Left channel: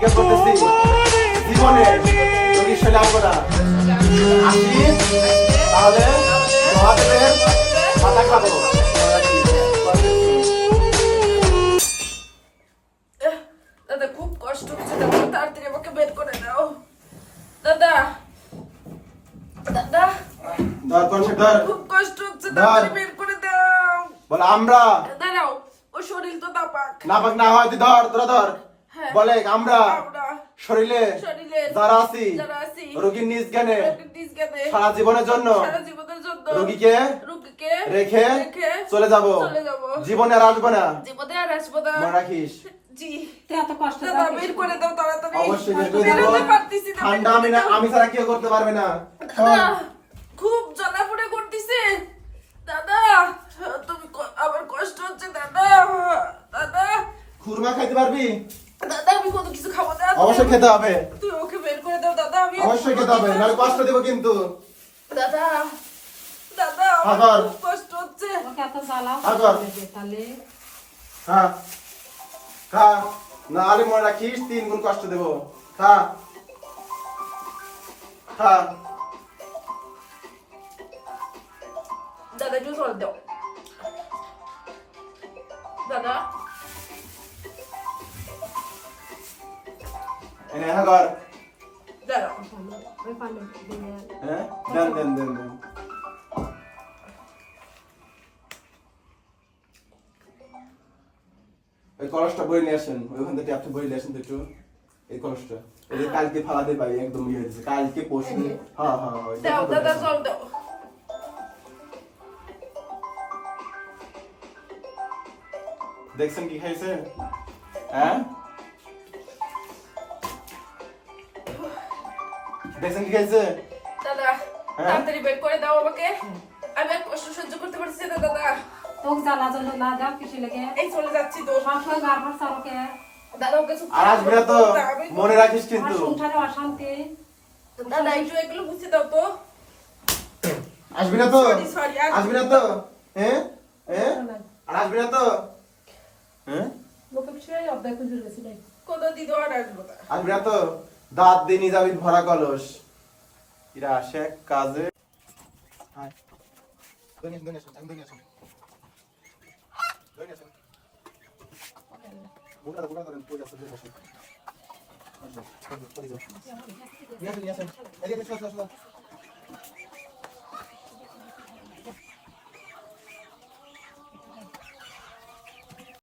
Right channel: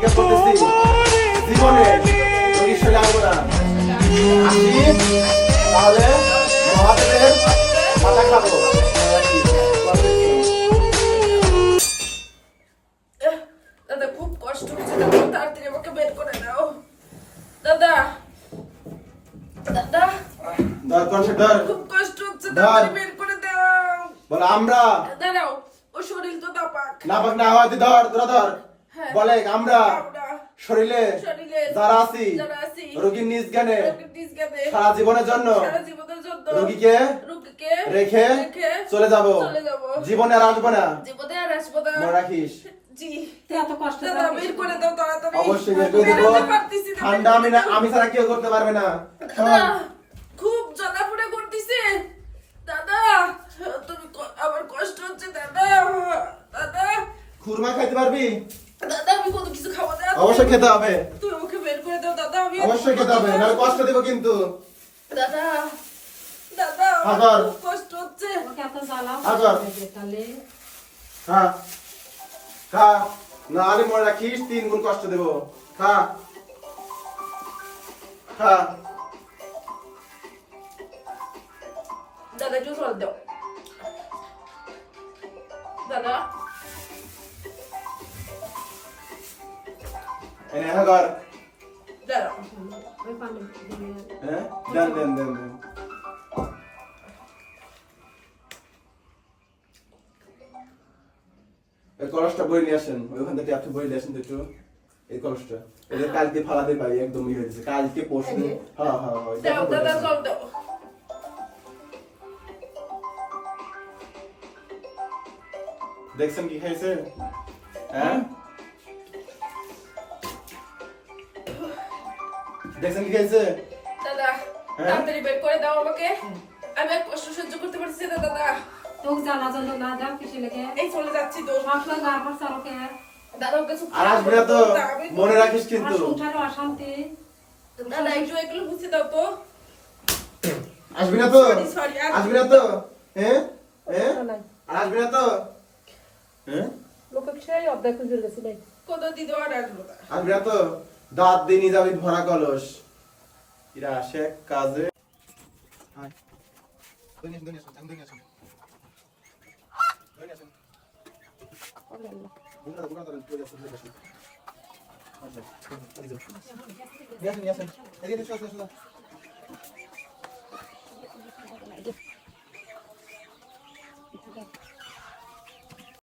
স্বীকার করতেছি জীবনে রোগীর শরীরে আসবো না। আসি তাহলে মহাদেবের মাথা খাবো। দাদা খুব কষ্ট হচ্ছে, দাদা তাড়াতাড়ি আমাকে বের করে দাও। দাদা দাদা ধর কনসে ধর খুব কষ্ট হচ্ছে, তাড়াতাড়ি বের করে দাও। বল আমরা দাঁড়াও, ও শরীর তো নাপাক। নাপাক না হয় তুই ধর, তোরা ধর। হ্যাঁ। বলে আমরা আমরা শরীরে শরীরে যারা আছি যারা আছি রোগীর নিজ জ্ঞানে রোগীর নিজ জ্ঞানে সারা জীবনের জন্য সারা জীবনের জন্য রোগীকে রোগীকে রেখে চলে যাব। চলে যাব। জীবনে আর আসবো না, জীবনে আর আসবো না। মনে রাখিস। জি এত কষ্ট দাদা বের করে দাও তাড়াতাড়ি। অবশ্যই বের করে দেবো। বেরোতে পারতেছি না, ঠান্ডা আমি না, আমি ছাড়া কেউ করতে পারবে না। দাদা খুব জ্বালাপোড়া করতেছে। দাদা তুমি আমার কষ্ট হচ্ছে দাদা। দাদা খুরমা খাইতে পারবি? দাদা আমি কোনো কিছু খাবো না। অবশ্যই খেতে হবে, তুই ওকে বের করে দাও দাদা। আমি অবশ্যই খেতে হবে, নাহলে কষ্ট দেবো কিন্তু। দাদা দাদা আমার আবার। খুব কষ্ট হচ্ছে। ওকে এত জ্বালাও আবার। তাহলে খা খা, নাহলে মনে রাখিস 3 গুণ কষ্ট দেবো। খা খা। দাদা একটু জল দাও। দাদা এনে হ্যাঁ কর। দাদা ওই পানি দিয়ে হ্যাঁ দেন দেন দেন দেন। এই কলসটা বই নিয়ে আসেন, ওইখান থেকে আপনি বই নিয়ে আসেন তো একটু। এই কলসটা এটা কালকে ফালাতে পারি, একদম ইয়ে হয়েছে কালকে পরশু। হ্যাঁ হ্যাঁ দাও দাদা জল দাও। দেখছেন কি খাইছে? হ্যাঁ দেখছেন কি খাইছে? দাদা তাড়াতাড়ি বের করে দাও আমাকে। আমি আর কষ্ট সহ্য করতে পারছি না দাদা। তোকে জ্বালা জ্বালা না দাও কিছু লেগে এই চলে যাচ্ছি তো। সবসময় বারবার চালকে দাদা ওকে চুপ আর আসবি না তো, মনে রাখিস আর কিন্তু। সংসারে অশান্তি দাদা একটু এগুলো বুঝতে দাও তো। আসবি না তো, Sorry, sorry, আসবি না তো, হ্যাঁ হ্যাঁ আর আসবি না তো, হ্যাঁ লোকে বিষয়ে অর্ধেক খুঁজে গেছিল কত দিদি আর আসবো না। আসবি না তো, দাঁত দিয়ে নিয়ে যাবি ভরা কলস। এরা আসে কাজে। নিয়ে আসেন, নিয়ে আসেন।